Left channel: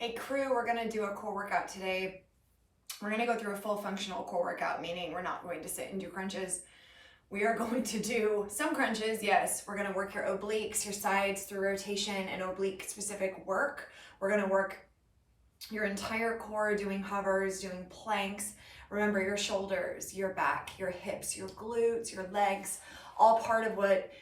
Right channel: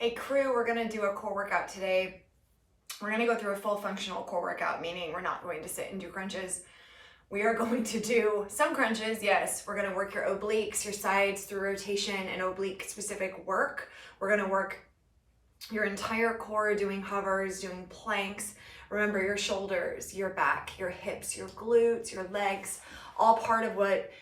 Hey crew, we're gonna do a core workout today. We're gonna go through a full functional core workout, meaning we're not going to sit and do crunches. We are going to do some crunches, yes. We're gonna work your obliques, your sides through rotation and oblique specific work. We're gonna work your entire core doing hovers, doing planks. Remember your shoulders, your back, your hips, your glutes, your legs, all part of what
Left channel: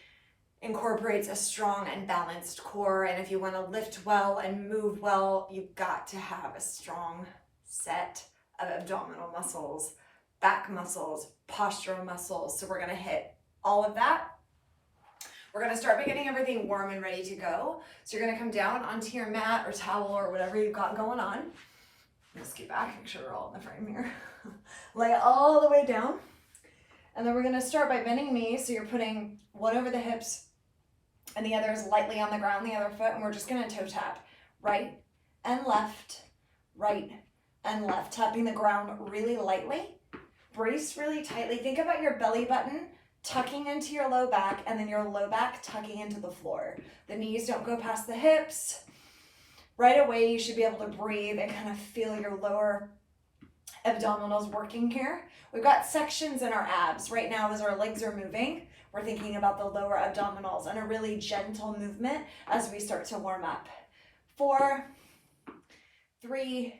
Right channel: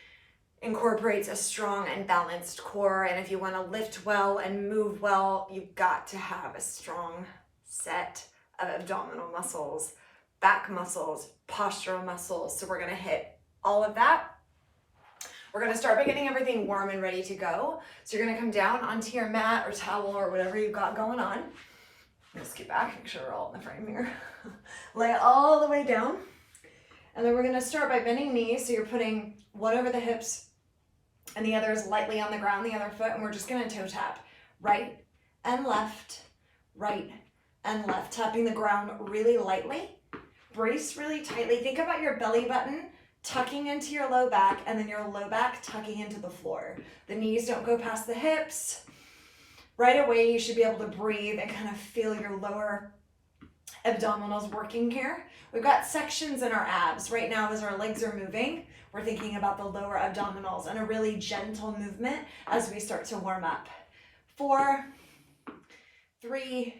incorporates a strong and balanced core. And if you want to lift well and move well, you've got to have a strong set of abdominal muscles, back muscles, postural muscles. So we're going to hit all of that. We're going to start by getting everything warm and ready to go. So you're going to come down onto your mat or towel or whatever you've got going on. Let's get back, make sure we're all in the frame here. Lay it all the way down. And then we're going to start by bending knees. So you're putting one over the hips and the other is lightly on the ground, the other foot, and we're just going to toe tap right and left, tapping the ground really lightly. Brace really tightly. Think about your belly button tucking into your low back and then your low back tucking into the floor. The knees don't go past the hips. Right away, you should be able to breathe and kind of feel your lower abdominals working here. We've got sections in our abs. Right now, as our legs are moving, we're thinking about the lower abdominals and a really gentle movement as we start to warm up. 4, 3,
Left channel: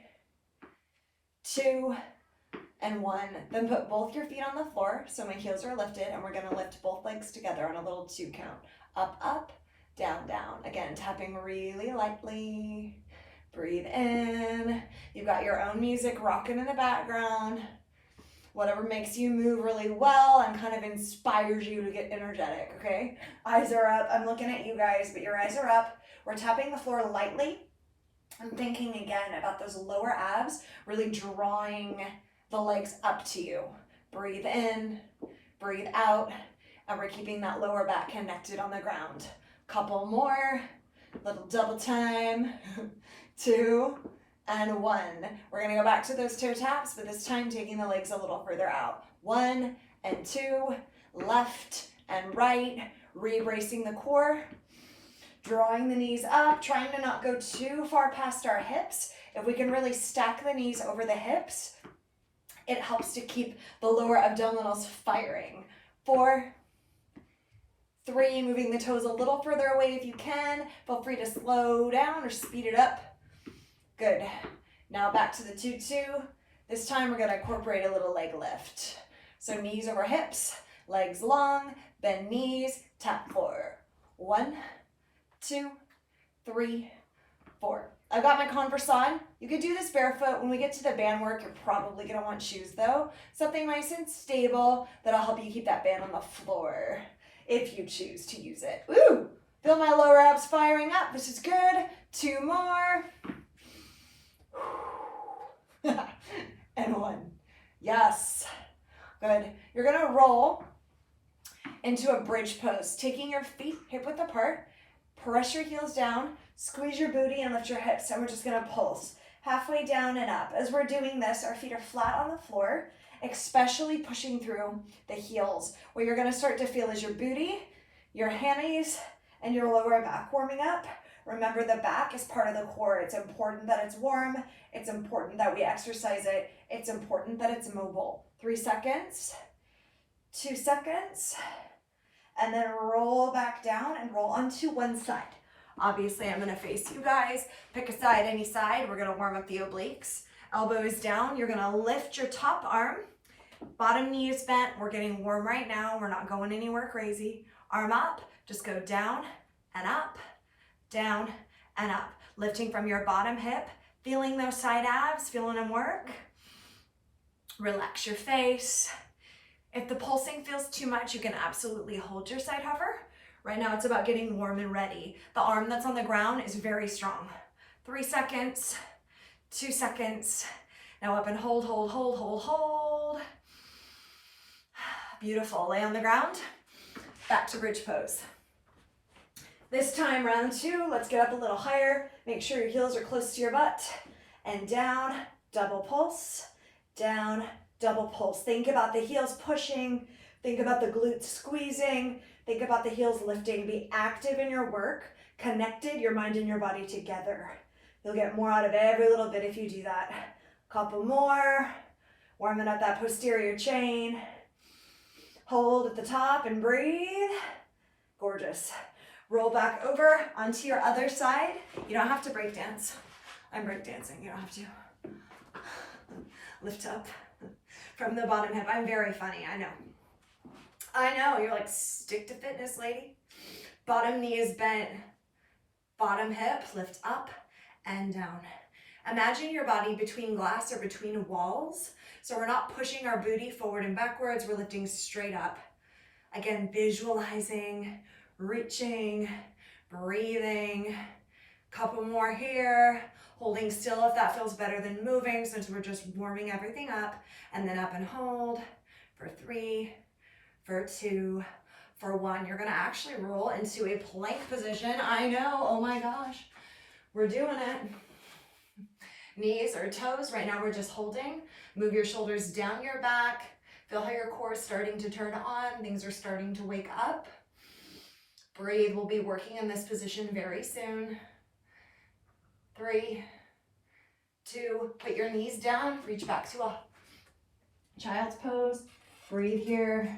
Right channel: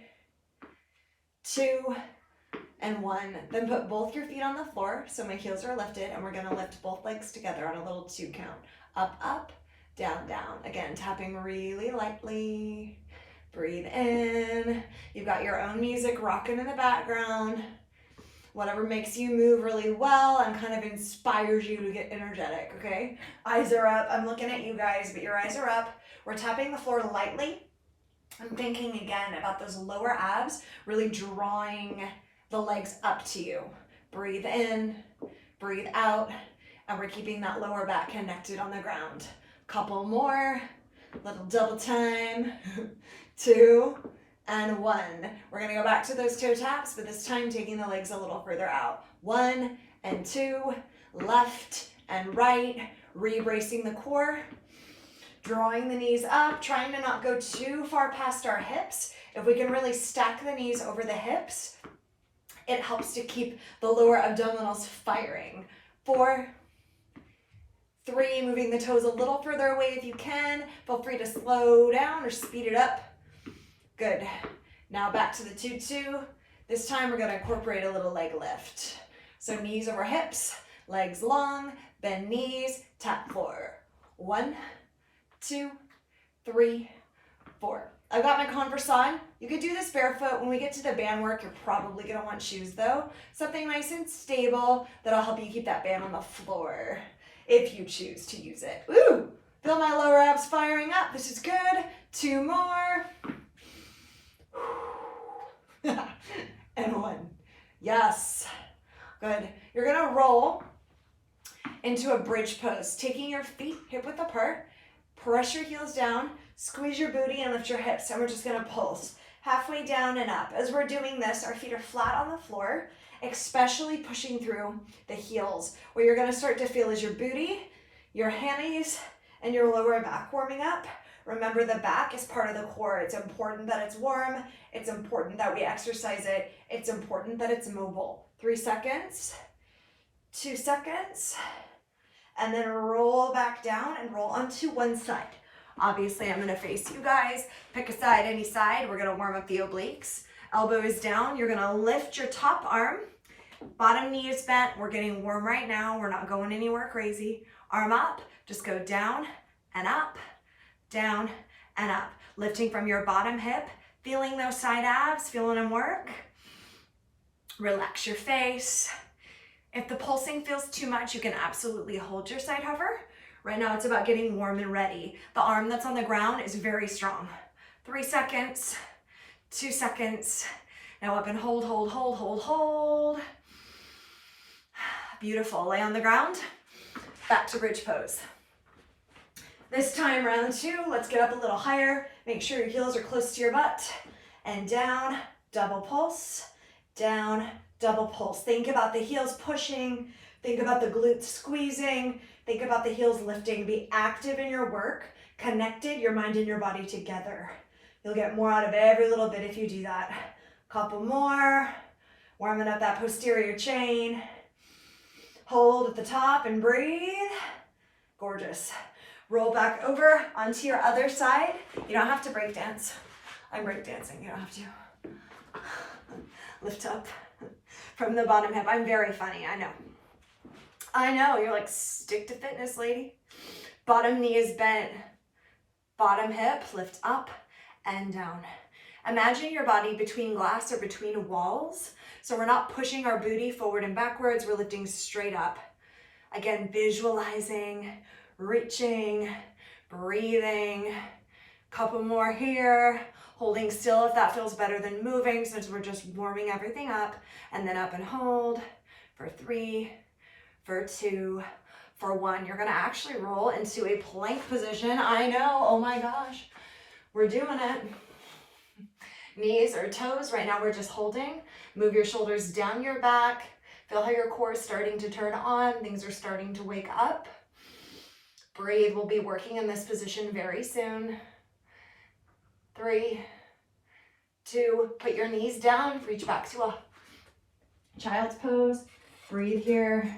2, and 1. Then put both your feet on the floor so my heels are lifted, and we're going to lift both legs together on a little 2 count. Up, up, down, down. Again, tapping really lightly. Breathe in. You've got your own music rocking in the background. Whatever makes you move really well and kind of inspires you to get energetic, okay? Eyes are up. I'm looking at you guys, but your eyes are up. We're tapping the floor lightly. I'm thinking again about those lower abs, really drawing the legs up to you. Breathe in, breathe out, and we're keeping that lower back connected on the ground. Couple more, little double time. 2 and 1. We're going to go back to those toe taps, but this time taking the legs a little further out. 1 and 2, left and right, re-bracing the core, drawing the knees up, trying to not go too far past our hips. If we can really stack the knees over the hips, it helps to keep the lower abdominals firing. 4, 3, moving the toes a little further away if you can. Feel free to slow down or speed it up. Good. Now back to the 2-2. This time we're going to incorporate a little leg lift. So knees over hips, legs long, bend knees, tap floor. 1, 2, 3, 4. I've got my Converse on. You could do this barefoot. When we get to the band work, you're probably going to want shoes though. Something nice and stable that'll help you keep that band on the floor if you choose to use it. Ooh, feel my lower abs firing up. This is good. 2 more. And 1. Yes. Good. You're going to roll into a bridge pose, taking your feet hip width apart. Press your heels down, squeeze your booty and lift your hips, and we're just going to pulse halfway down and up. As we're doing this, our feet are flat on the floor, especially pushing through the heels. What you're going to start to feel is your booty, your hammies, and your lower back warming up. Remember, the back is part of the core. It's important that it's warm. It's important that we exercise it. It's important that it's mobile. 3 seconds, 2 seconds, and then roll back down and roll onto one side. Obviously, I'm going to face you guys. Pick a side, any side. We're going to warm up the obliques. Elbows down. You're going to lift your top arm. Bottom knee is bent. We're getting warm right now. We're not going anywhere crazy. Arm up. Just go down and up. Down and up, lifting from your bottom hip, feeling those side abs, feeling them work. Relax your face. If the pulsing feels too much, you can absolutely hold your side hover. Right now, it's about getting warm and ready. The arm that's on the ground is very strong. 3 seconds, 2 seconds. Now up and hold, hold, hold, hold, hold. Beautiful. Lay on the ground. Back to bridge pose. This time, round 2, let's get up a little higher. Make sure your heels are close to your butt. And down, double pulse. Down, double pulse. Think about the heels pushing. Think about the glutes squeezing. Think about the heels lifting. Be active in your work. Connected, your mind and your body together. You'll get more out of every little bit if you do that. Couple more. Warming up that posterior chain. Hold at the top and breathe. Gorgeous. Roll back over onto your other side. You don't have to break dance. I'm break dancing. You don't have to. Lift up from the bottom hip. I'm very funny, I know. I know, you're like, stick to fitness, lady. Bottom knee is bent. Bottom hip, lift up and down. Imagine your body between glass or between walls. So we're not pushing our booty forward and backwards, we're lifting straight up. Again, visualizing, reaching, breathing. Couple more here. Holding still if that feels better than moving, since we're just warming everything up. And then up and hold for 3, for 2, for 1. You're gonna actually roll into a plank position. I know, oh my gosh. We're doing it. Knees or toes, right now we're just holding. Move your shoulders down your back. Feel how your core is starting to turn on. Things are starting to wake up. Breathe, we'll be working in this position very soon. 3, 2, put your knees down, reach back to a child's pose. Breathe here.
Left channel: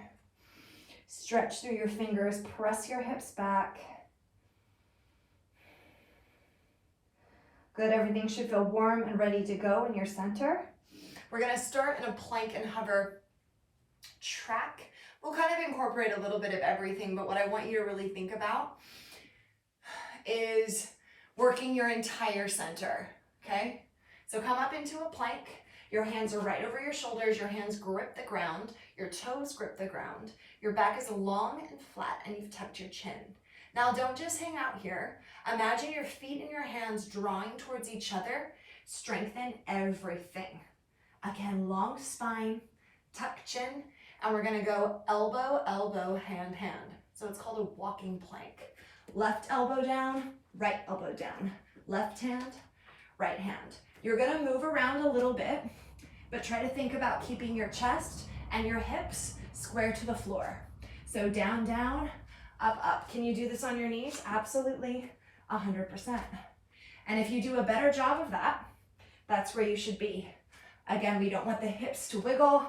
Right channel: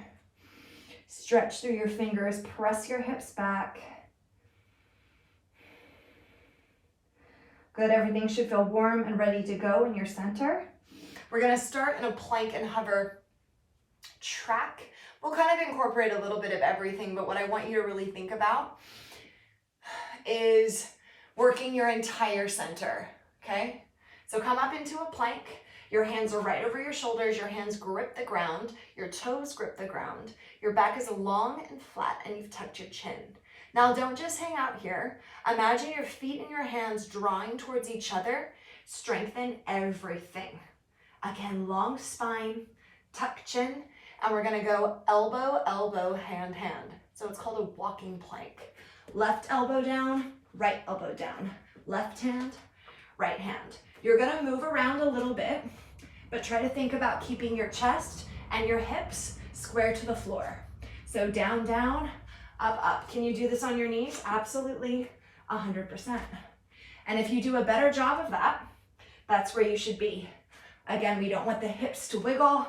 Stretch through your fingers, press your hips back. Good, everything should feel warm and ready to go in your center. We're gonna start in a plank and hover track. We'll kind of incorporate a little bit of everything, but what I want you to really think about is working your entire center, okay? So come up into a plank. Your hands are right over your shoulders. Your hands grip the ground. Your toes grip the ground. Your back is long and flat, and you've tucked your chin. Now, don't just hang out here. Imagine your feet and your hands drawing towards each other. Strengthen everything. Again, long spine, tuck chin, and we're gonna go elbow, elbow, hand, hand. So it's called a walking plank. Left elbow down, right elbow down. Left hand, right hand. You're gonna move around a little bit, but try to think about keeping your chest and your hips square to the floor. So down, down, up, up. Can you do this on your knees? Absolutely, 100%. And if you do a better job of that, that's where you should be. Again, we don't want the hips to wiggle.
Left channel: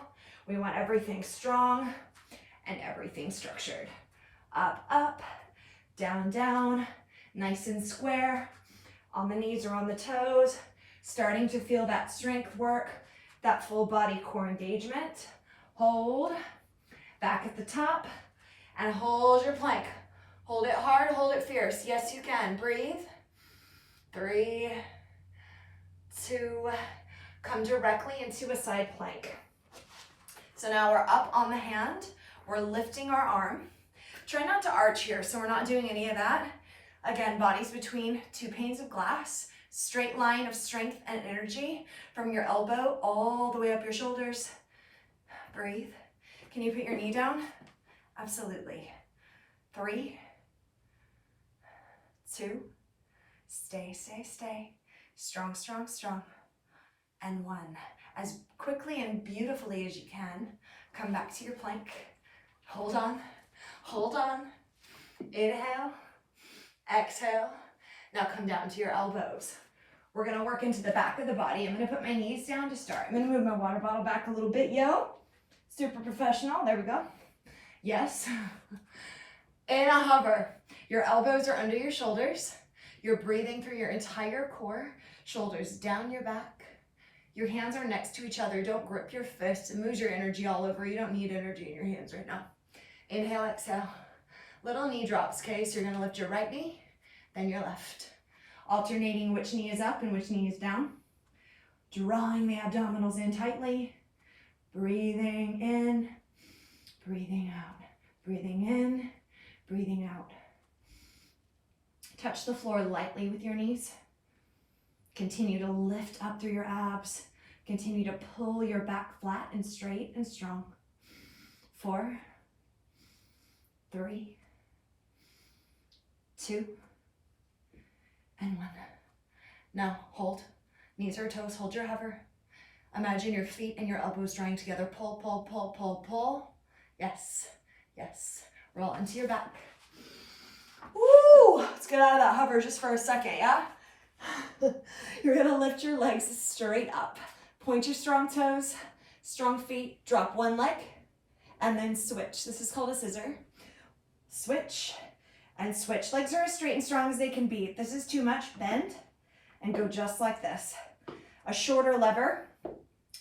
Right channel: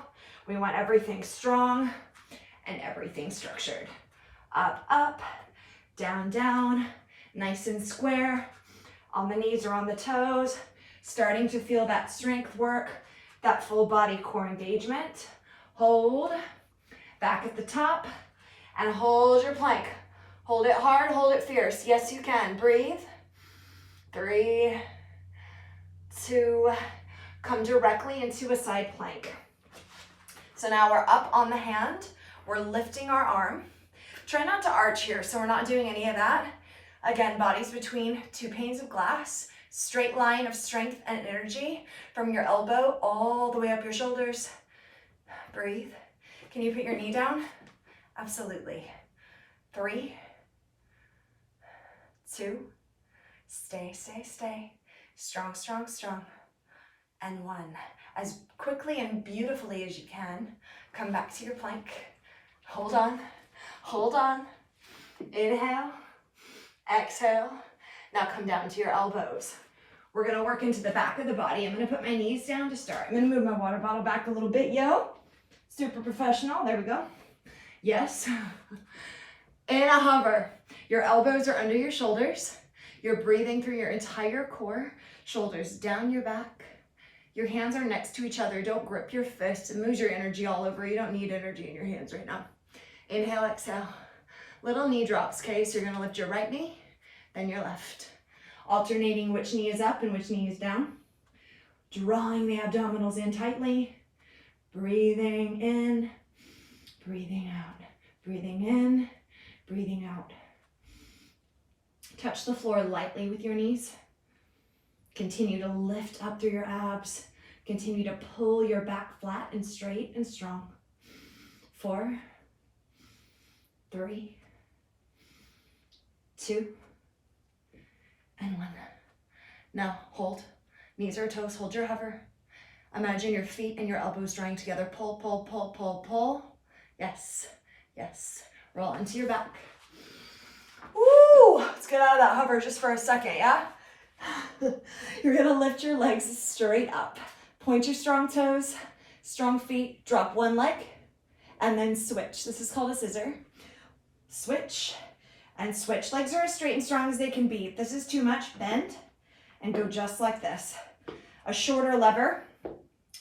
We want everything strong and everything structured. Up, up, down, down, nice and square. On the knees or on the toes, starting to feel that strength work, that full body core engagement. Hold, back at the top, and hold your plank. Hold it hard, hold it fierce. Yes, you can. Breathe. 3, 2, come directly into a side plank. So now we're up on the hand. We're lifting our arm. Try not to arch here, so we're not doing any of that. Again, bodies between 2 panes of glass, straight line of strength and energy from your elbow all the way up your shoulders. Breathe. Can you put your knee down? Absolutely. 3, 2, stay, stay, stay. Strong, strong, strong. And 1. As quickly and beautifully as you can, come back to your plank. Hold on, hold on. Inhale. Exhale. Now come down to your elbows. We're gonna work into the back of the body. I'm gonna put my knees down to start. I'm gonna move my water bottle back a little bit, yo. Super professional, there we go. Yes. In a hover. Your elbows are under your shoulders. You're breathing through your entire core. Shoulders down your back. Your hands are next to each other. Don't grip your fists and lose your energy all over. You don't need energy in your hands right now. Inhale, exhale. Little knee drops, okay? So you're gonna lift your right knee, then your left. Alternating which knee is up and which knee is down. Drawing the abdominals in tightly. Breathing in, breathing out. Breathing in, breathing out. Touch the floor lightly with your knees. Continue to lift up through your abs. Continue to pull your back flat and straight and strong. 4, 3, 2, and 1. Now hold. Knees or toes, hold your hover. Imagine your feet and your elbows drawing together. Pull, pull, pull, pull, pull. Yes, yes. Roll into your back. Woo! Let's get out of that hover just for a second, yeah? You're gonna lift your legs straight up. Point your strong toes, strong feet, drop one leg, and then switch. This is called a scissor. Switch and switch. Legs are as straight and strong as they can be. If this is too much, bend and go just like this. A shorter lever,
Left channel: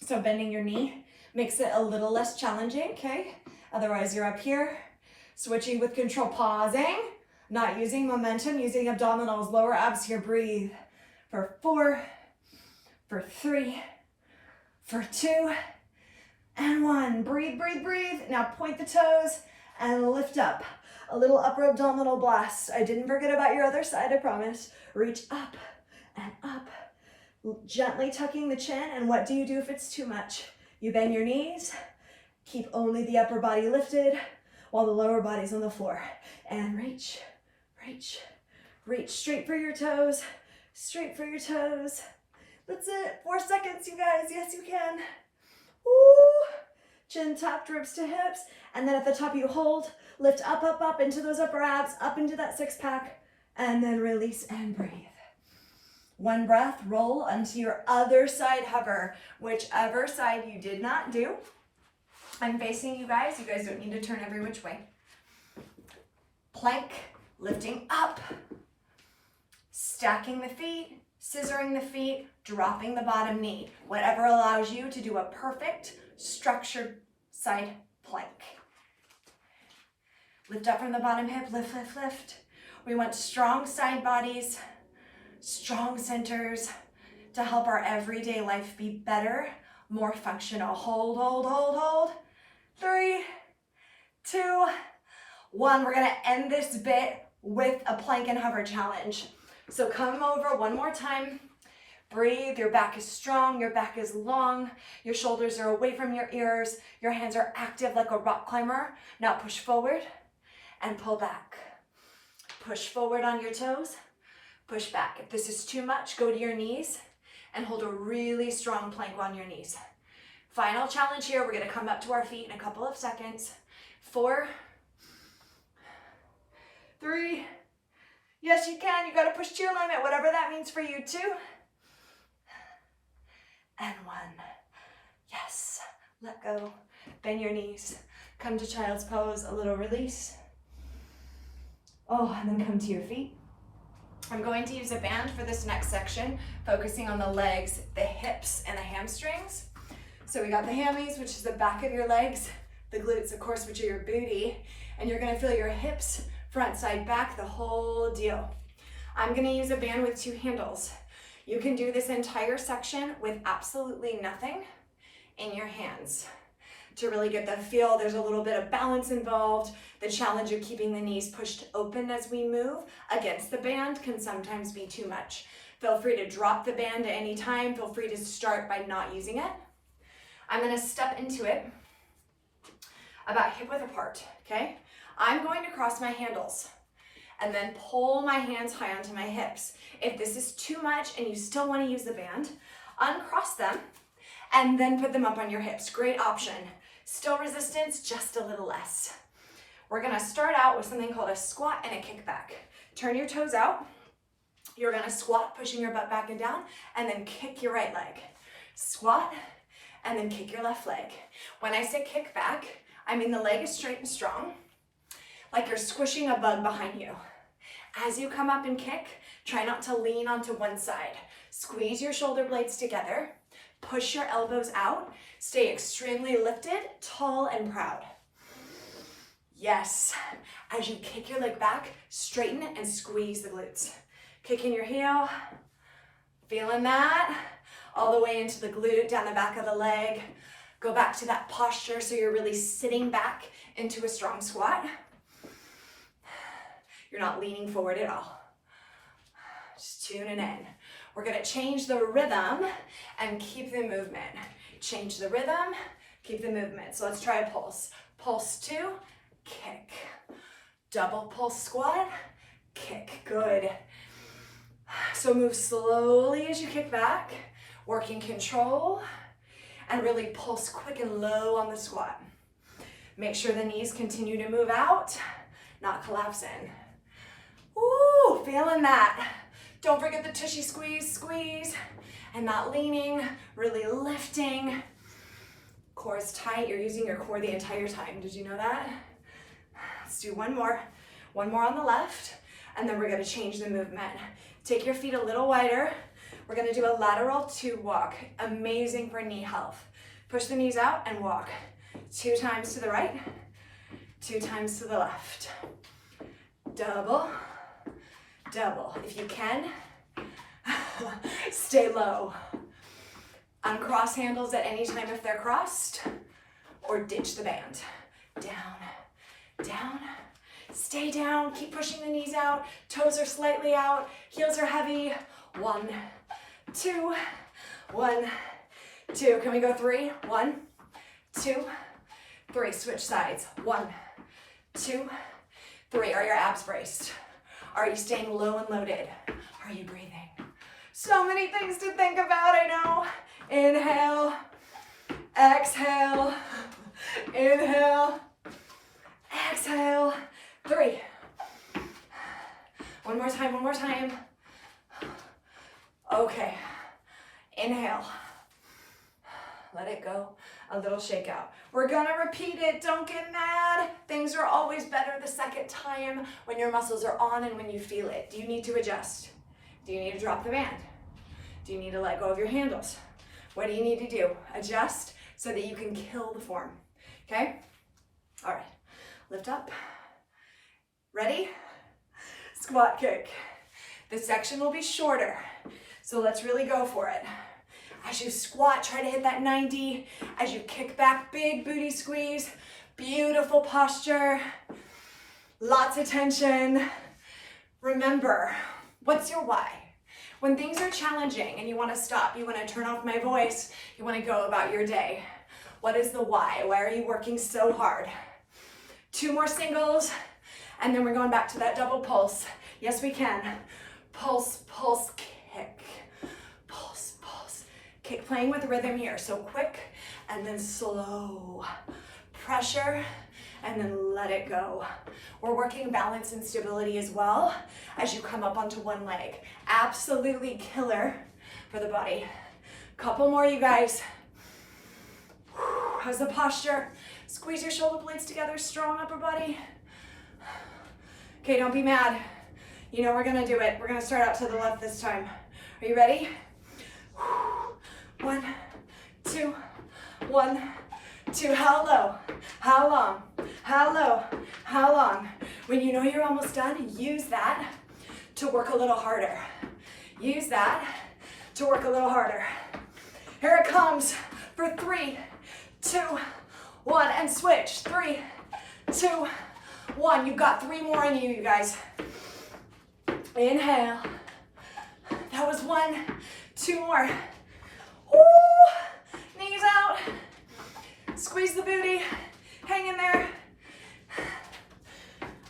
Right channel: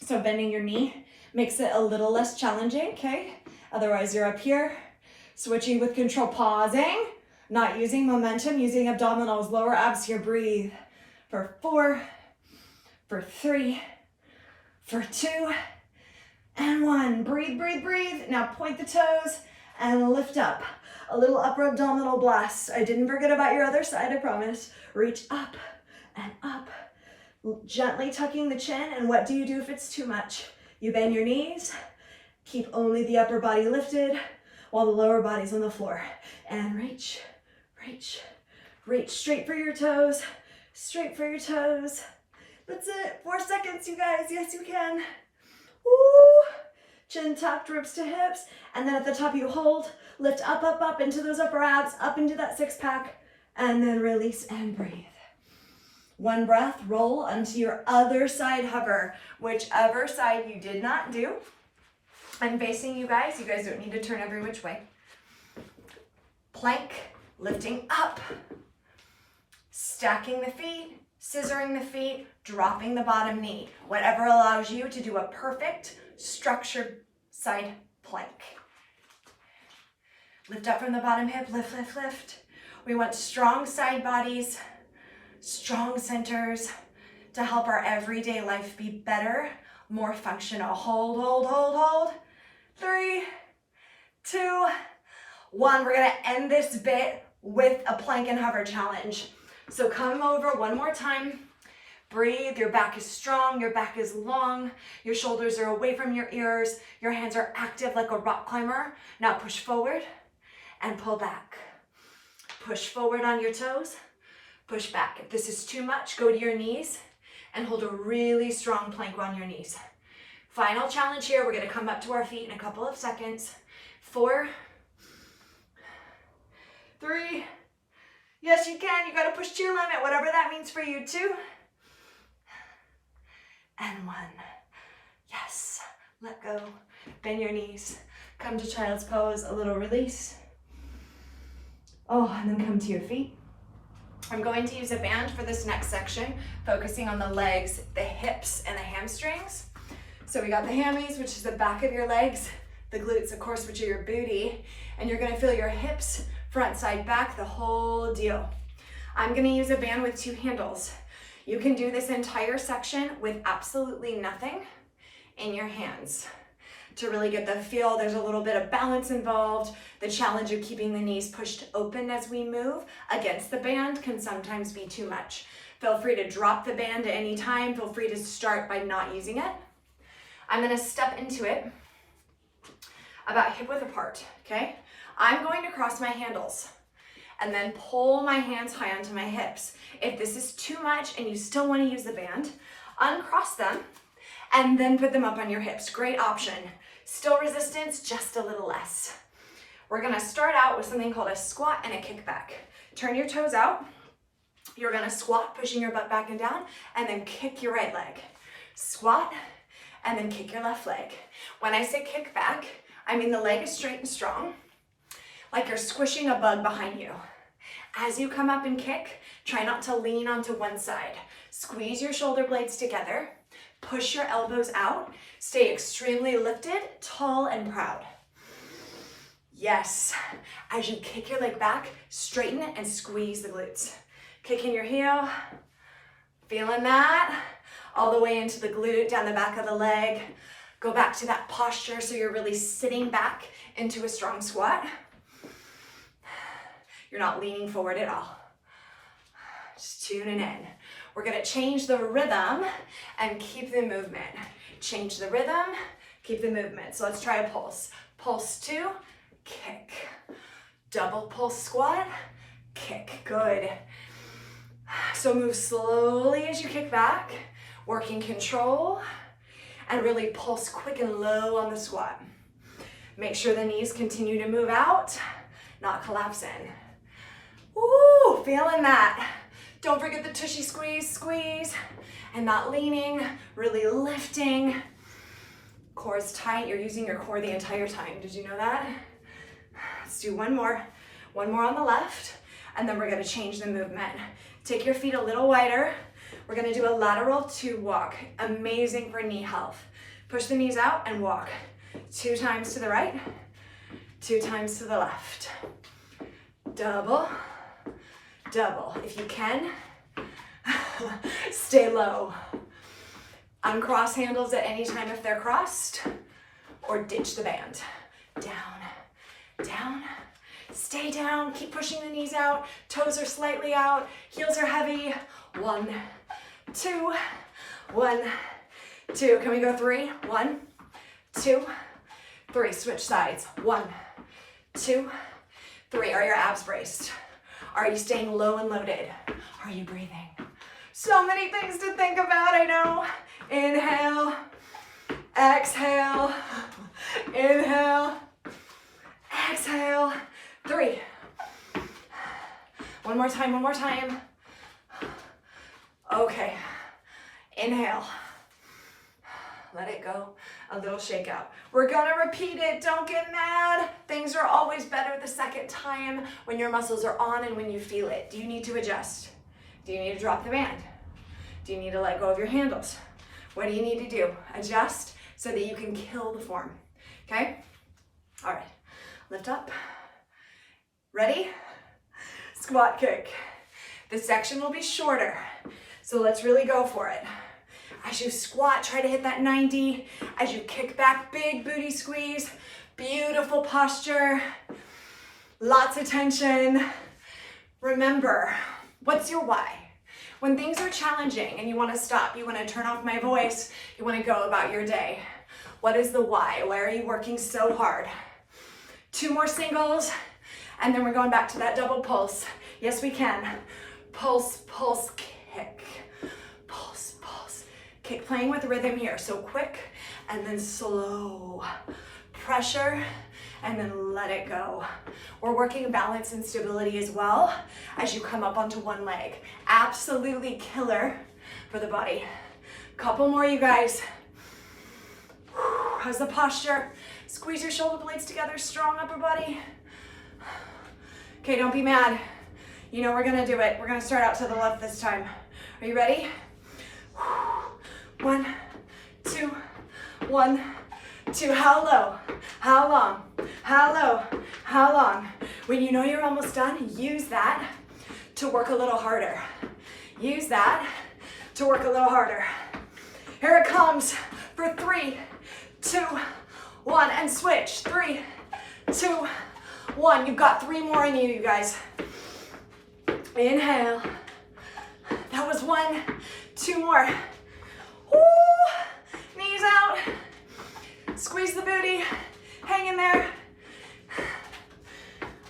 so bending your knee makes it a little less challenging, okay? Otherwise, you're up here, switching with control, pausing, not using momentum, using abdominals, lower abs here, breathe. For 4, for 3, for 2, and 1. Breathe, breathe, breathe. Now point the toes and lift up. A little upper abdominal blast. I didn't forget about your other side, I promise. Reach up and up, gently tucking the chin. And what do you do if it's too much? You bend your knees, keep only the upper body lifted while the lower body's on the floor. And reach, reach, reach. Straight for your toes, straight for your toes. That's it, 4 seconds, you guys. Yes, you can. Woo! Chin tucked, ribs to hips. And then at the top you hold, lift up, up, up into those upper abs, up into that 6-pack, and then release and breathe. 1 breath, roll onto your other side hover, whichever side you did not do. I'm facing you guys. You guys don't need to turn every which way. Plank, lifting up, stacking the feet, scissoring the feet, dropping the bottom knee. Whatever allows you to do a perfect structured side plank. Lift up from the bottom hip, lift, lift, lift. We want strong side bodies, strong centers to help our everyday life be better, more functional. Hold, hold, hold, hold. 3, 2, 1. We're gonna end this bit with a plank and hover challenge. So come over one more time. Breathe, your back is strong, your back is long, your shoulders are away from your ears, your hands are active like a rock climber. Now push forward and pull back. Push forward on your toes, push back. If this is too much, go to your knees and hold a really strong plank on your knees. Final challenge here, we're gonna come up to our feet in a couple of seconds. 4, 3, yes you can, you gotta push to your limit, whatever that means for you. 2, and 1. Yes, let go, bend your knees, come to child's pose, a little release. Oh, and then come to your feet. I'm going to use a band for this next section, focusing on the legs, the hips, and the hamstrings. So we got the hammies, which is the back of your legs, the glutes, of course, which are your booty, and you're gonna feel your hips, front, side, back, the whole deal. I'm gonna use a band with 2 handles. You can do this entire section with absolutely nothing in your hands. To really get the feel, there's a little bit of balance involved. The challenge of keeping the knees pushed open as we move against the band can sometimes be too much. Feel free to drop the band at any time. Feel free to start by not using it. I'm gonna step into it about hip width apart, okay? I'm going to cross my handles and then pull my hands high onto my hips. If this is too much and you still wanna use the band, uncross them and then put them up on your hips. Great option. Still resistance, just a little less. We're gonna start out with something called a squat and a kickback. Turn your toes out. You're gonna squat, pushing your butt back and down, and then kick your right leg. Squat, and then kick your left leg. When I say kick back, I mean the leg is straight and strong, like you're squishing a bug behind you. As you come up and kick, try not to lean onto one side. Squeeze your shoulder blades together, push your elbows out, stay extremely lifted, tall and proud. Yes, as you kick your leg back, straighten and squeeze the glutes. Kicking your heel, feeling that, all the way into the glute, down the back of the leg. Go back to that posture so you're really sitting back into a strong squat. You're not leaning forward at all. Just tuning in. We're gonna change the rhythm and keep the movement. Change the rhythm, keep the movement. So let's try a pulse. Pulse 2, kick. Double pulse squat, kick, good. So move slowly as you kick back, working control, and really pulse quick and low on the squat. Make sure the knees continue to move out, not collapse in. Ooh, feeling that. Don't forget the tushy squeeze, squeeze. And not leaning, really lifting. Core is tight. You're using your core the entire time. Did you know that? Let's do one more. One more on the left. And then we're gonna change the movement. Take your feet a little wider. We're gonna do a lateral 2 walk. Amazing for knee health. Push the knees out and walk. 2 times to the right, 2 times to the left. Double, double. If you can, stay low. Uncross handles at any time if they're crossed, or ditch the band. Down, down, stay down. Keep pushing the knees out. Toes are slightly out. Heels are heavy. 1, 2, 1, 2. Can we go 3? 1, 2, 3. Switch sides. 1, 2, 3. Are your abs braced? Are you staying low and loaded? Are you breathing? So many things to think about, I know. Inhale, exhale, inhale, exhale. 3. One more time, one more time. Okay, inhale. Let it go, a little shake out. We're gonna repeat it, don't get mad. Things are always better the second time when your muscles are on and when you feel it. Do you need to adjust? Do you need to drop the band? Do you need to let go of your handles? What do you need to do? Adjust so that you can kill the form, okay? All right, lift up. Ready? Squat kick. This section will be shorter, so let's really go for it. As you squat, try to hit that 90. As you kick back, big booty squeeze. Beautiful posture. Lots of tension. Remember, what's your why? When things are challenging and you want to stop, you want to turn off my voice, you want to go about your day. What is the why? Why are you working so hard? 2 more singles, and then we're going back to that double pulse. Yes, we can. Pulse, pulse, kick. Pulse, pulse. Kick, playing with rhythm here. So quick and then slow. Pressure and then let it go. We're working balance and stability as well as you come up onto one leg. Absolutely killer for the body. Couple more, you guys. How's the posture? Squeeze your shoulder blades together, strong upper body. Okay, don't be mad. You know we're gonna do it. We're gonna start out to the left this time. Are you ready? 1, 2, 1, 2. How low? How long? How low? How long? When you know you're almost done, use that to work a little harder. Use that to work a little harder. Here it comes for 3, 2, 1, and switch. 3, 2, 1. You've got 3 more in you, you guys. Inhale. That was 1, 2 more. Woo! Knees out. Squeeze the booty. Hang in there.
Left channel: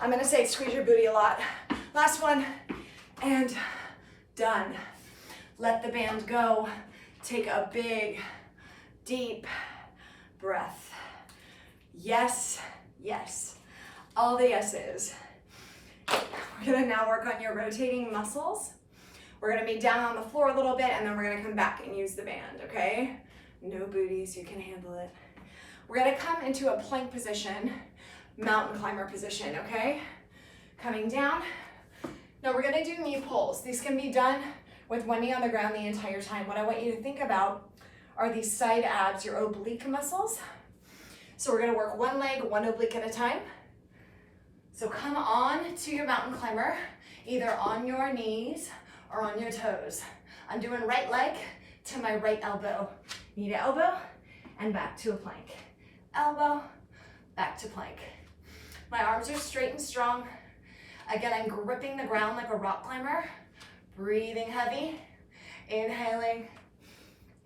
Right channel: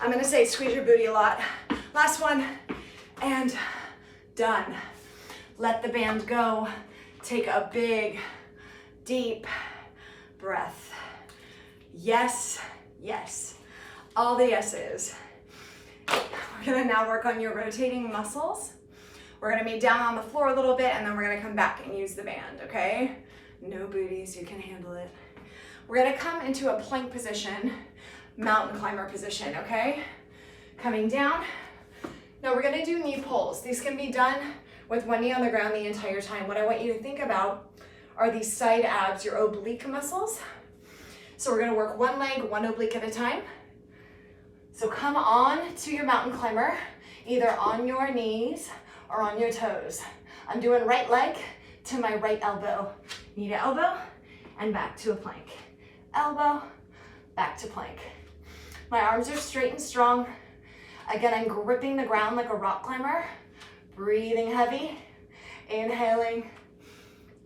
I'm gonna say squeeze your booty a lot. Last one, and done. Let the band go. Take a big, deep breath. Yes, yes. All the yeses. We're gonna now work on your rotating muscles. We're gonna be down on the floor a little bit, and then we're gonna come back and use the band, okay? No booties, you can handle it. We're gonna come into a plank position, mountain climber position, okay? Coming down. Now we're gonna do knee pulls. These can be done with one knee on the ground the entire time. What I want you to think about are these side abs, your oblique muscles. So we're gonna work one leg, one oblique at a time. So come on to your mountain climber, either on your knees or on your toes. I'm doing right leg to my right elbow. Knee to elbow and back to a plank. Elbow, back to plank. My arms are straight and strong. Again, I'm gripping the ground like a rock climber. Breathing heavy. Inhaling,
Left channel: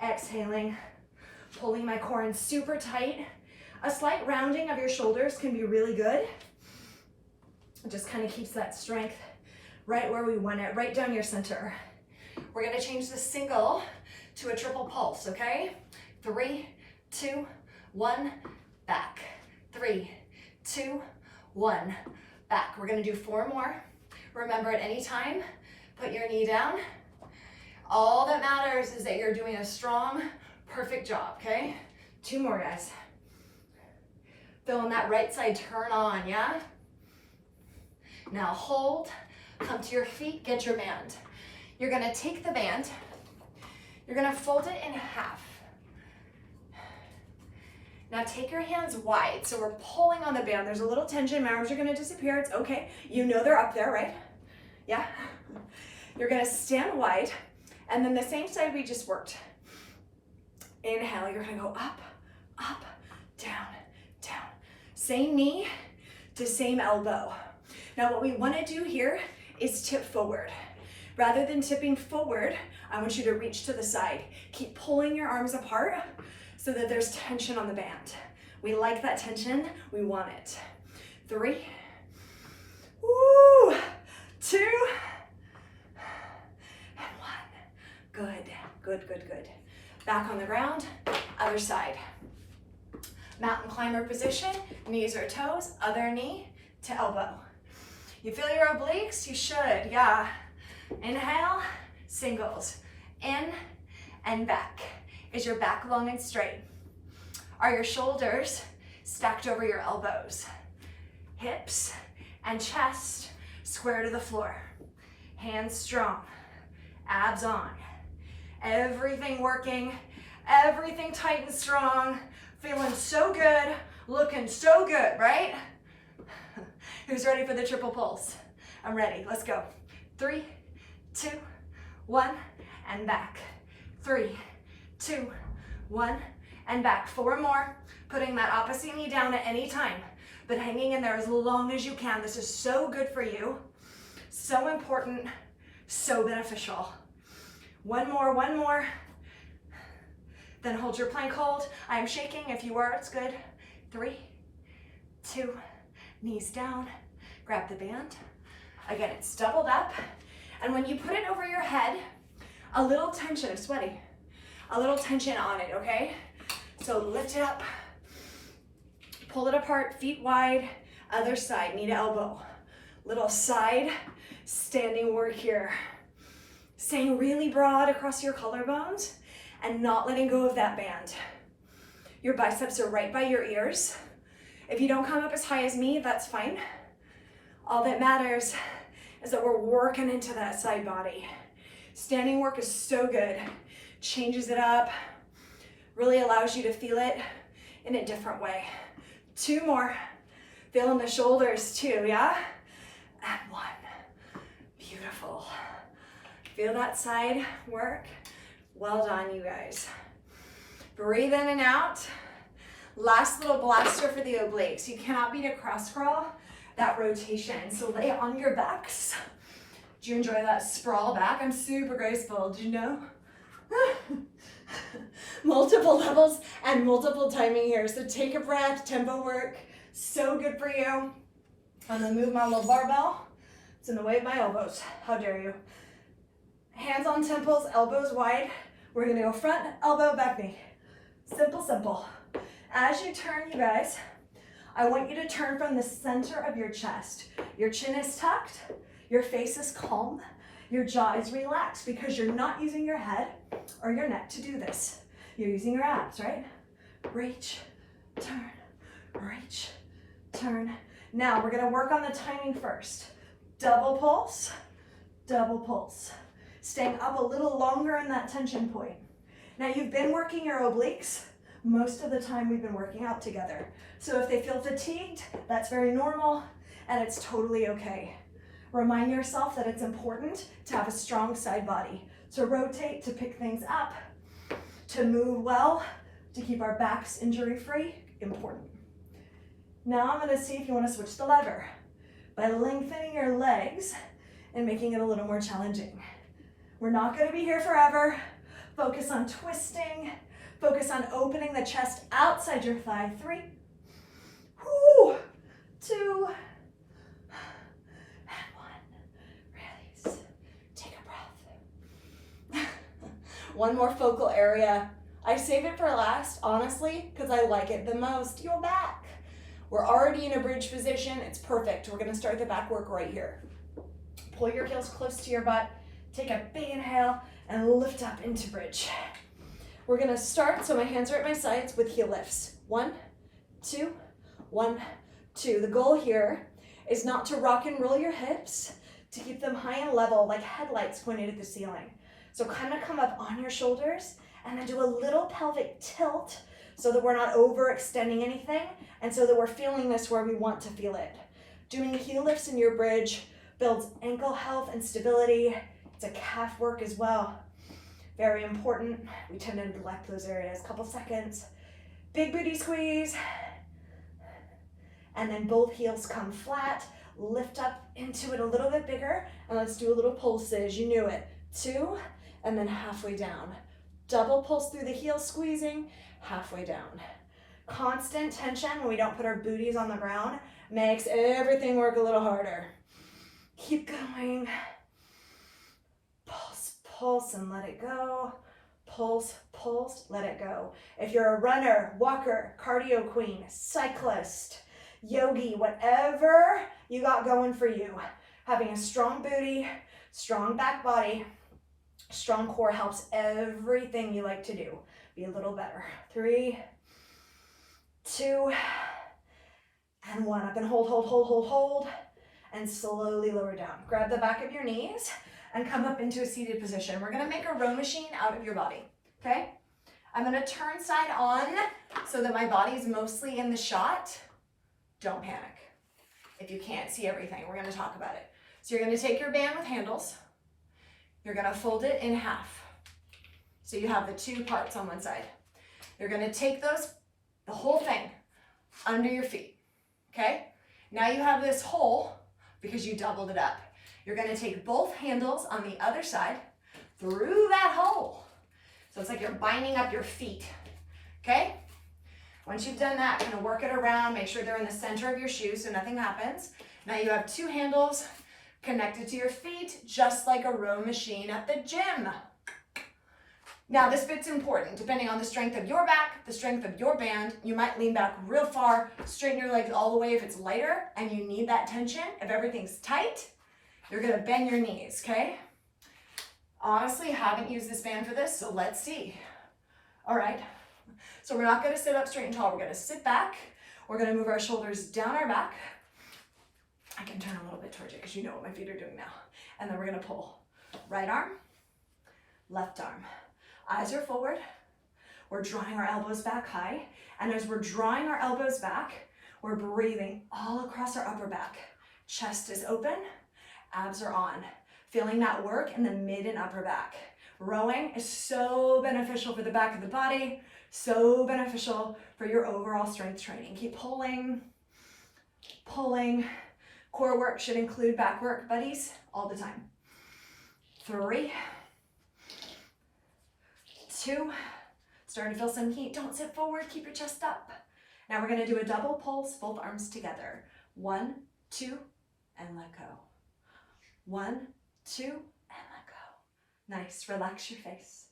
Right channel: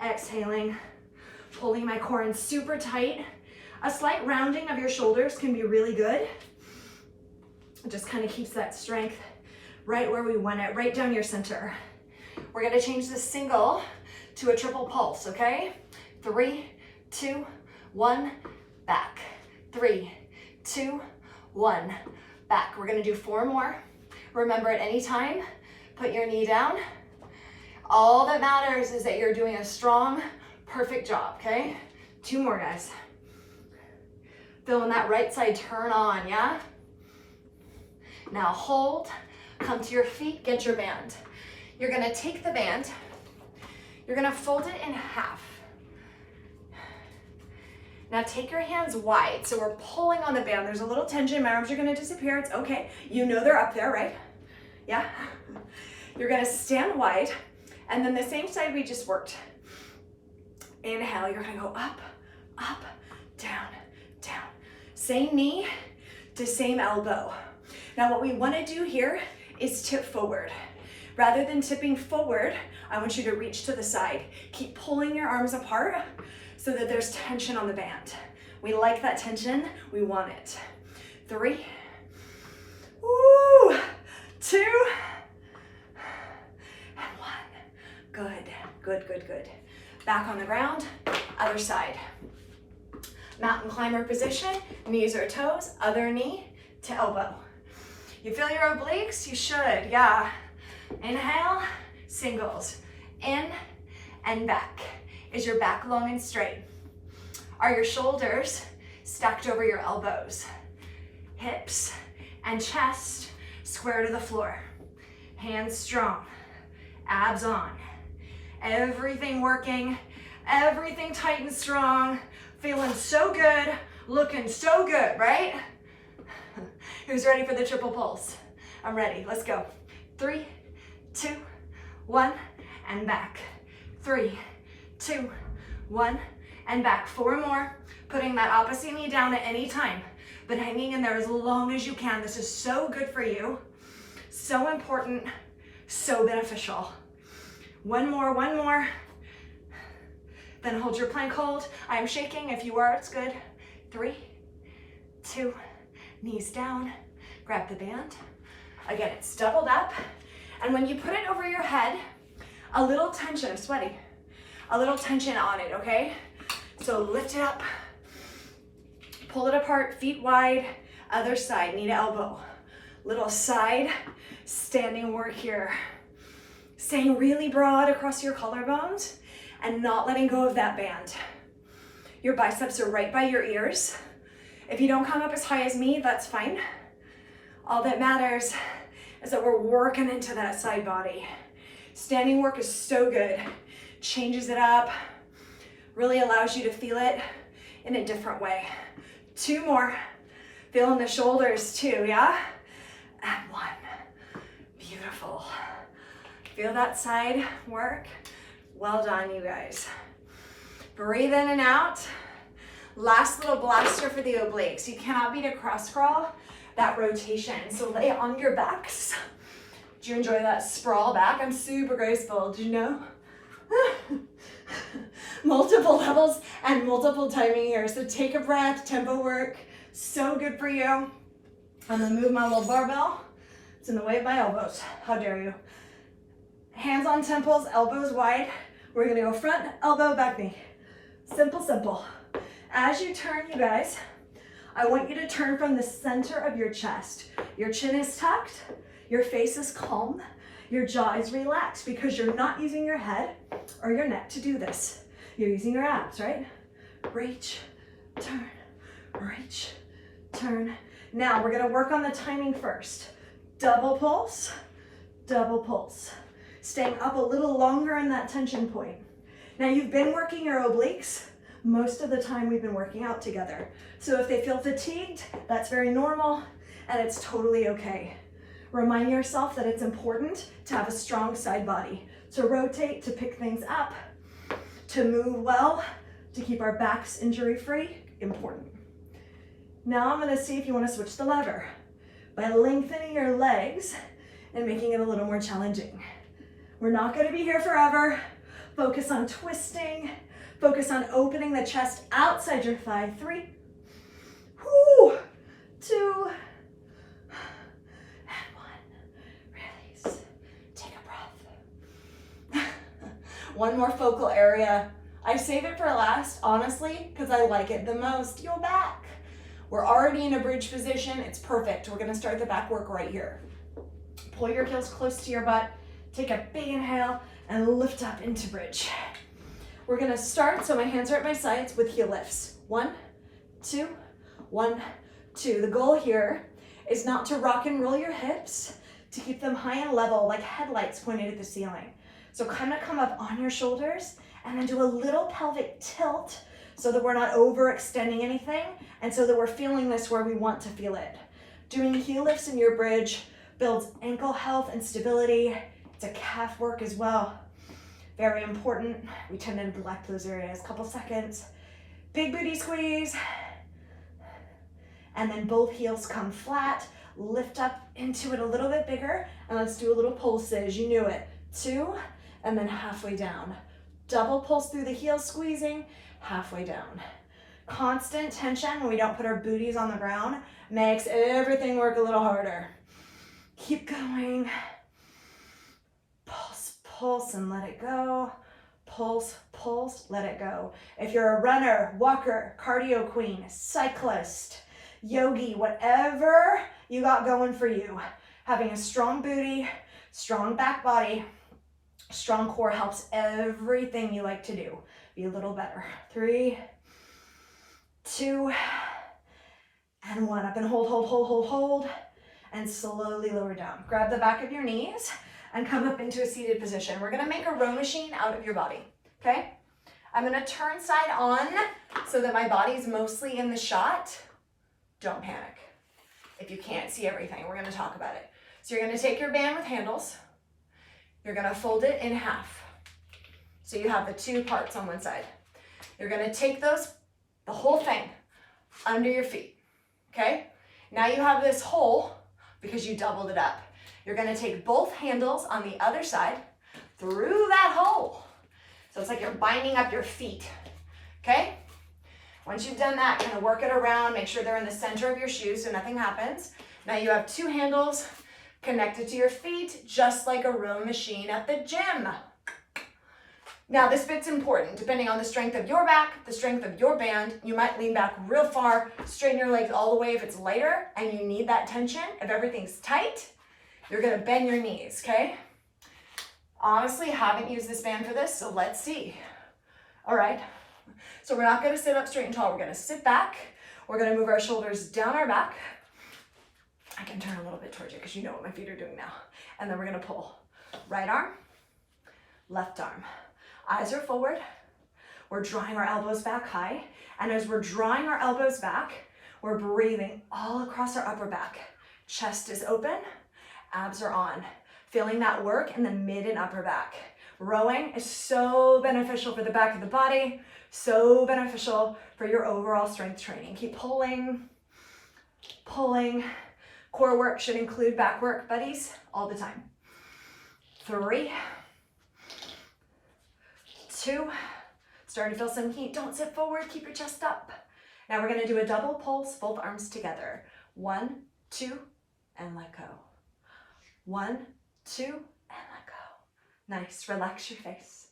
exhaling, pulling my core in super tight. A slight rounding of your shoulders can be really good. It just kind of keeps that strength right where we want it, right down your center. We're gonna change the single to a triple pulse, okay? 3, 2, 1, back. 3, 2, 1, back. We're gonna do 4 more. Remember, at any time, Put your knee down. All that matters is that you're doing a strong, perfect job, okay? 2 more, guys. Feeling that right side turn on, yeah? Now hold, come to your feet, get your band. You're gonna take the band, you're gonna fold it in half. Now take your hands wide, so we're pulling on the band. There's a little tension, my arms are gonna disappear, it's okay. You know they're up there, right? Yeah? You're gonna stand wide, and then the same side we just worked. Inhale, you're gonna go up, up, down, down. Same knee to same elbow. Now what we wanna do here is tip forward. Rather than tipping forward, I want you to reach to the side. Keep pulling your arms apart so that there's tension on the band. We like that tension, we want it. 3, woo, 2, and 1. Good, good, good, good. Back on the ground, other side. Mountain climber position, knees or toes, other knee to elbow. You feel your obliques? You should, yeah. Inhale, singles. In and back. Is your back long and straight? Are your shoulders stacked over your elbows? Hips and chest square to the floor. Hands strong, abs on. Everything working, everything tight and strong. Feeling so good, looking so good, right? Who's ready for the triple pulse? I'm ready, let's go. 3, 2, 1, and back. 3, 2, 1, and back. 4 more. Putting that opposite knee down at any time, but hanging in there as long as you can. This is so good for you, so important, so beneficial. 1 more, 1 more. Then hold your plank hold. I'm shaking. If you are, it's good. 3, 2, knees down. Grab the band. Again, it's doubled up. And when you put it over your head, a little tension, I'm sweaty, a little tension on it, okay? So lift it up, pull it apart, feet wide, other side, knee to elbow. Little side standing work here. Staying really broad across your collarbones and not letting go of that band. Your biceps are right by your ears. If you don't come up as high as me, that's fine. All that matters is that we're working into that side body. Standing work is so good. Changes it up, really allows you to feel it in a different way. 2 more. Feeling the shoulders too, yeah? And 1. Beautiful. Feel that side work? Well done, you guys. Breathe in and out. Last little blaster for the obliques. You cannot beat a cross crawl, that rotation. So lay on your backs. Do you enjoy that sprawl back? I'm super graceful, do you know? Multiple levels and multiple timing here. So take a breath, tempo work. So good for you. I'm gonna move my little barbell. It's in the way of my elbows. How dare you? Hands on temples, elbows wide. We're gonna go front, elbow, back knee. Simple, simple. As you turn, you guys, I want you to turn from the center of your chest. Your chin is tucked, your face is calm, your jaw is relaxed because you're not using your head or your neck to do this. You're using your abs, right? Reach, turn, reach, turn. Now we're gonna work on the timing first. Double pulse, double pulse. Staying up a little longer in that tension point. Now you've been working your obliques most of the time we've been working out together. So if they feel fatigued, that's very normal and it's totally okay. Remind yourself that it's important to have a strong side body, to rotate, to pick things up, to move well, to keep our backs injury-free, important. Now I'm gonna see if you wanna switch the lever by lengthening your legs and making it a little more challenging. We're not gonna be here forever. Focus on twisting. Focus on opening the chest outside your thigh. 3, 2, and 1. Release. Take a breath. One more focal area. I save it for last, honestly, because I like it the most. Your back. We're already in a bridge position. It's perfect. We're gonna start the back work right here. Pull your heels close to your butt. Take a big inhale and lift up into bridge. We're gonna start, so my hands are at my sides with heel lifts. 1, 2, 1, 2. The goal here is not to rock and roll your hips, to keep them high and level like headlights pointed at the ceiling. So kind of come up on your shoulders and then do a little pelvic tilt so that we're not overextending anything and so that we're feeling this where we want to feel it. Doing heel lifts in your bridge builds ankle health and stability. It's a calf work as well. Very important. We tend to neglect those areas. Couple seconds. Big booty squeeze. And then both heels come flat. Lift up into it a little bit bigger. And let's do a little pulses. You knew it. 2, and then halfway down. Double pulse through the heels, squeezing, halfway down. Constant tension when we don't put our booties on the ground makes everything work a little harder. Keep going. Pulse, pulse, and let it go. Pulse, pulse, let it go. If you're a runner, walker, cardio queen, cyclist, yogi, whatever you got going for you, having a strong booty, strong back body, strong core helps everything you like to do be a little better. 3, 2, and 1. Up and hold, hold, hold, hold, hold, and slowly lower down. Grab the back of your knees and come up into a seated position. We're gonna make a row machine out of your body, okay? I'm gonna turn side on so that my body's mostly in the shot. Don't panic. If you can't see everything, we're gonna talk about it. So you're gonna take your band with handles. You're gonna fold it in half. So you have the 2 parts on one side. You're gonna take those, the whole thing, under your feet, okay? Now you have this hole because you doubled it up. You're gonna take both handles on the other side through that hole. So it's like you're binding up your feet, okay? Once you've done that, kind of work it around, make sure they're in the center of your shoes so nothing happens. Now you have 2 handles connected to your feet, just like a row machine at the gym. Now this bit's important. Depending on the strength of your back, the strength of your band, you might lean back real far, straighten your legs all the way if it's lighter and you need that tension. If everything's tight, you're gonna bend your knees, okay? Honestly, haven't used this band for this, so let's see. All right, so we're not gonna sit up straight and tall. We're gonna sit back. We're gonna move our shoulders down our back. I can turn a little bit towards you because you know what my feet are doing now. And then we're gonna pull. Right arm, left arm. Eyes are forward. We're drawing our elbows back high. And as we're drawing our elbows back, we're breathing all across our upper back. Chest is open, abs are on. Feeling that work in the mid and upper back. Rowing is so beneficial for the back of the body, so beneficial for your overall strength training. Keep pulling, pulling. Core work should include back work, buddies, all the time. 3, 2, starting to feel some heat. Don't sit forward, keep your chest up. Now we're gonna do a double pulse, both arms together. 1, 2, and let go. 1, 2, and let go. Nice, relax your face.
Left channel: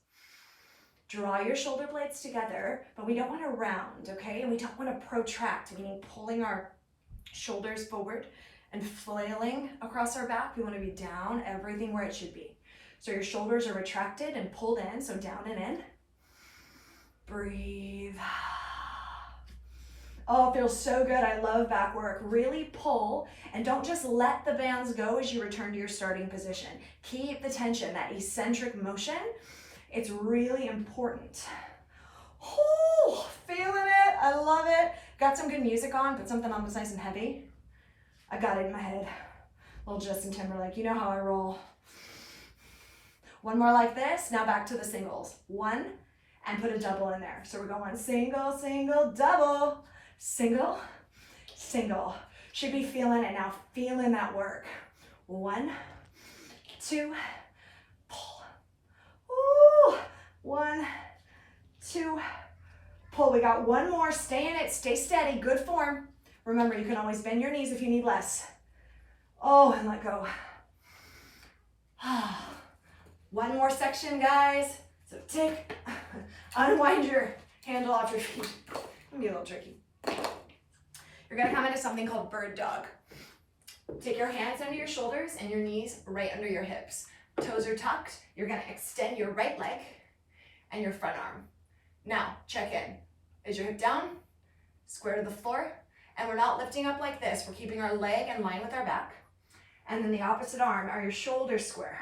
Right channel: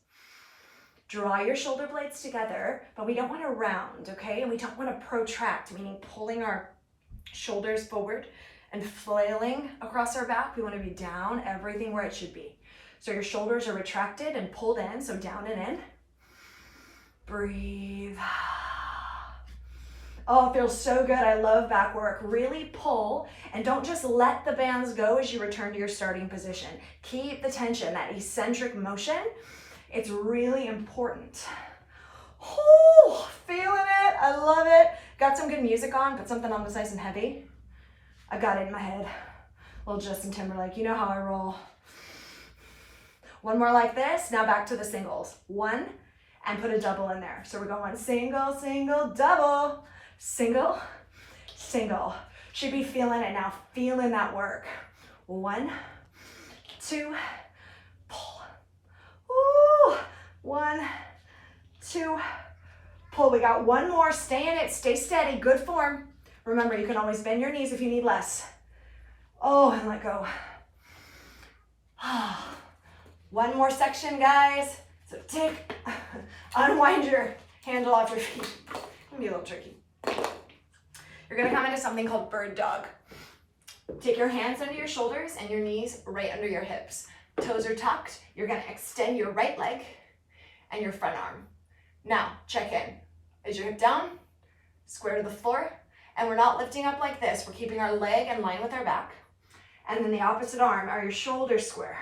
Draw your shoulder blades together, but we don't wanna round, okay? And we don't wanna protract, meaning pulling our shoulders forward and flailing across our back. We wanna be down, everything where it should be. So your shoulders are retracted and pulled in, so down and in. Breathe. Oh, it feels so good. I love back work. Really pull, and don't just let the bands go as you return to your starting position. Keep the tension, that eccentric motion. It's really important. Oh, feeling it. I love it. Got some good music on, put something on that's nice and heavy. I got it in my head. Little Justin Timberlake, you know how I roll. One more like this. Now back to the singles. 1, and put a double in there. So we're going single, single, double, single, single. Should be feeling it now, feeling that work. 1, 2, pull. Ooh, 1, 2, pull. We got one more. Stay in it, stay steady, good form. Remember, you can always bend your knees if you need less. Oh, and let go. One more section, guys. So unwind your handle off your feet. It can be a little tricky. You're gonna come into something called bird dog. Take your hands under your shoulders and your knees right under your hips. Toes are tucked. You're gonna extend your right leg and your front arm. Now, check in. Is your hip down? Square to the floor. And we're not lifting up like this. We're keeping our leg in line with our back. And then the opposite arm, are your shoulders square?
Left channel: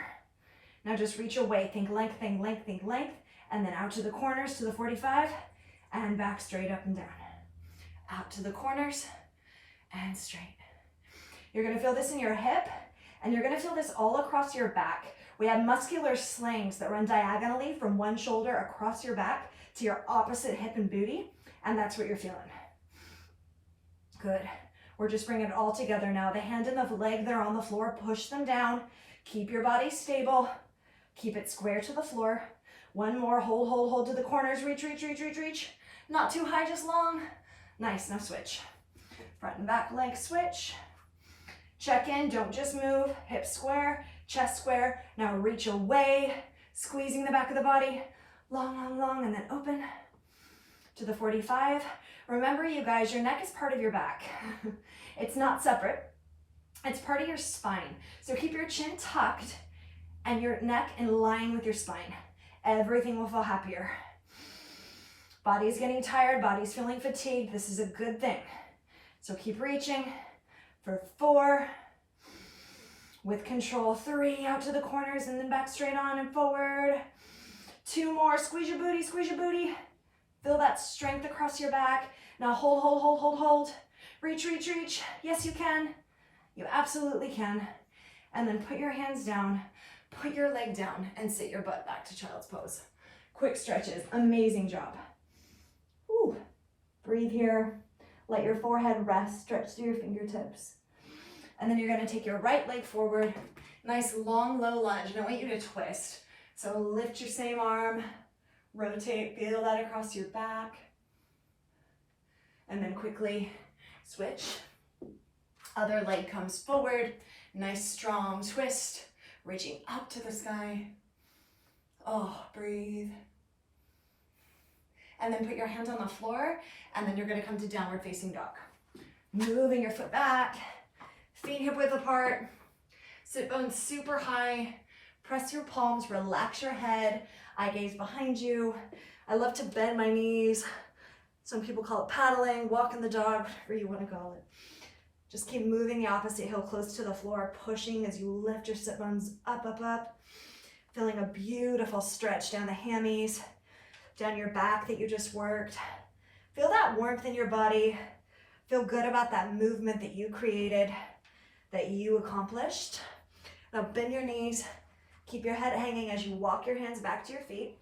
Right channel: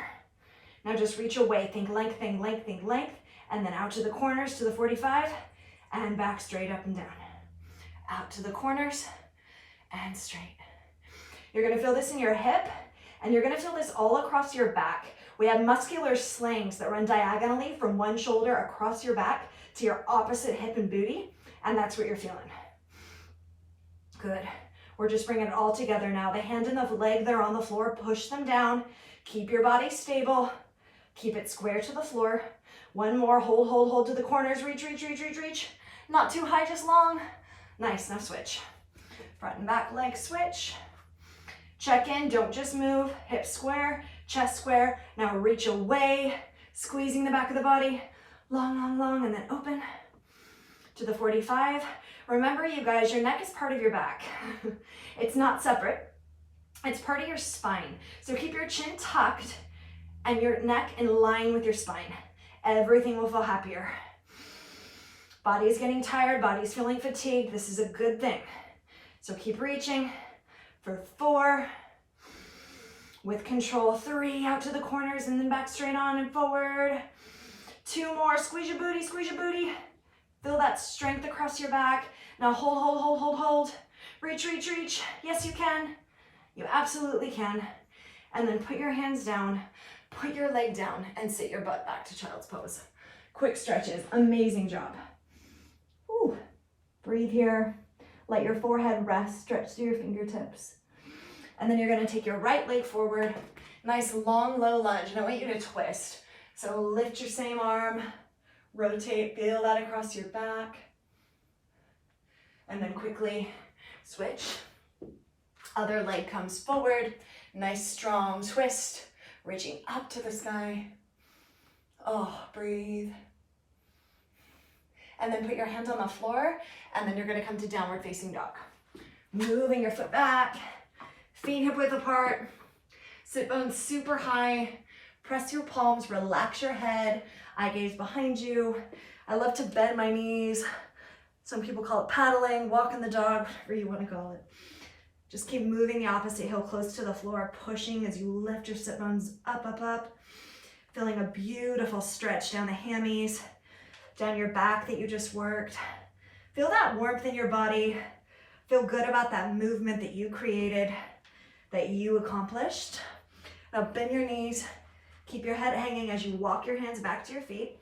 Now just reach away, think length, think length, think length, and then out to the corners to the 45, and back straight up and down. Out to the corners, and straight. You're gonna feel this in your hip, and you're gonna feel this all across your back. We have muscular slings that run diagonally from one shoulder across your back to your opposite hip and booty, and that's what you're feeling. Good. We're just bringing it all together now. The hand and the leg that are on the floor, push them down. Keep your body stable. Keep it square to the floor. One more, hold, hold, hold to the corners. Reach, reach, reach, reach, reach. Not too high, just long. Nice, now switch. Front and back leg switch. Check in, don't just move. Hips square, chest square. Now reach away, squeezing the back of the body. Long, long, long, and then open to the 45. Remember, you guys, your neck is part of your back. It's not separate. It's part of your spine. So keep your chin tucked and your neck in line with your spine. Everything will feel happier. Body's getting tired, body's feeling fatigued. This is a good thing. So keep reaching for 4. With control, 3, out to the corners and then back straight on and forward. 2 more, squeeze your booty, squeeze your booty. Feel that strength across your back. Now hold, hold, hold, hold, hold. Reach, reach, reach. Yes, you can. You absolutely can. And then put your hands down, put your leg down, and sit your butt back to child's pose. Quick stretches, amazing job. Ooh. Breathe here. Let your forehead rest, stretch through your fingertips. And then you're gonna take your right leg forward. Nice long, low lunge. And I want you to twist. So lift your same arm, rotate, feel that across your back. And then quickly switch. Other leg comes forward. Nice strong twist, reaching up to the sky. Oh, breathe. And then put your hands on the floor, and then you're gonna come to downward facing dog. Moving your foot back, feet hip width apart, sit bones super high, press your palms, relax your head, eye gaze behind you. I love to bend my knees. Some people call it paddling, walking the dog, whatever you wanna call it. Just keep moving the opposite heel close to the floor, pushing as you lift your sit bones up, up, up. Feeling a beautiful stretch down the hammies, down your back that you just worked. Feel that warmth in your body. Feel good about that movement that you created, that you accomplished. Now bend your knees, keep your head hanging as you walk your hands back to your feet.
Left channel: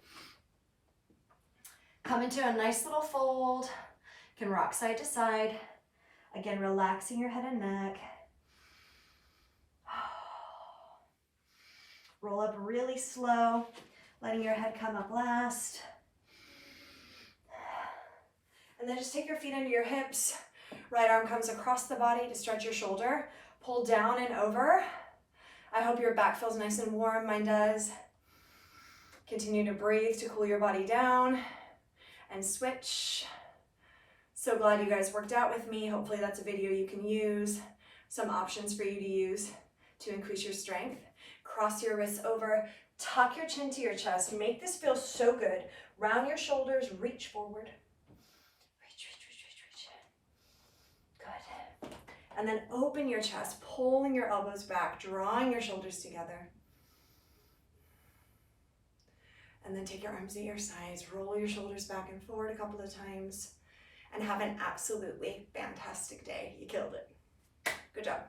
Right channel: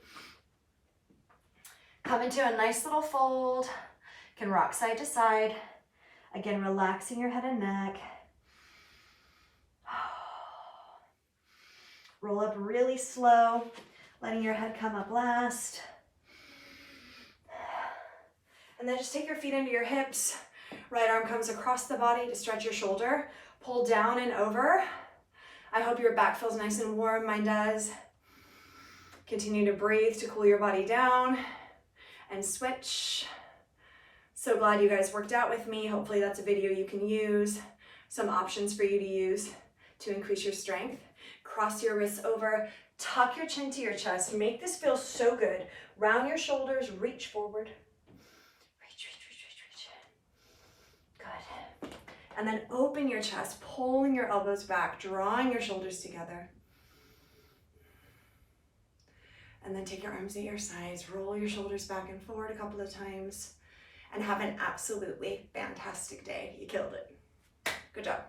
Come into a nice little fold. You can rock side to side. Again, relaxing your head and neck. Roll up really slow, letting your head come up last. And then just take your feet into your hips. Right arm comes across the body to stretch your shoulder. Pull down and over. I hope your back feels nice and warm. Mine does. Continue to breathe to cool your body down. And switch. So glad you guys worked out with me. Hopefully that's a video you can use. Some options for you to use to increase your strength. Cross your wrists over. Tuck your chin to your chest. Make this feel so good. Round your shoulders. Reach forward. Good. And then open your chest, pulling your elbows back, drawing your shoulders together. And then take your arms at your sides, roll your shoulders back and forward a couple of times, and have an absolutely fantastic day. You killed it. Good job.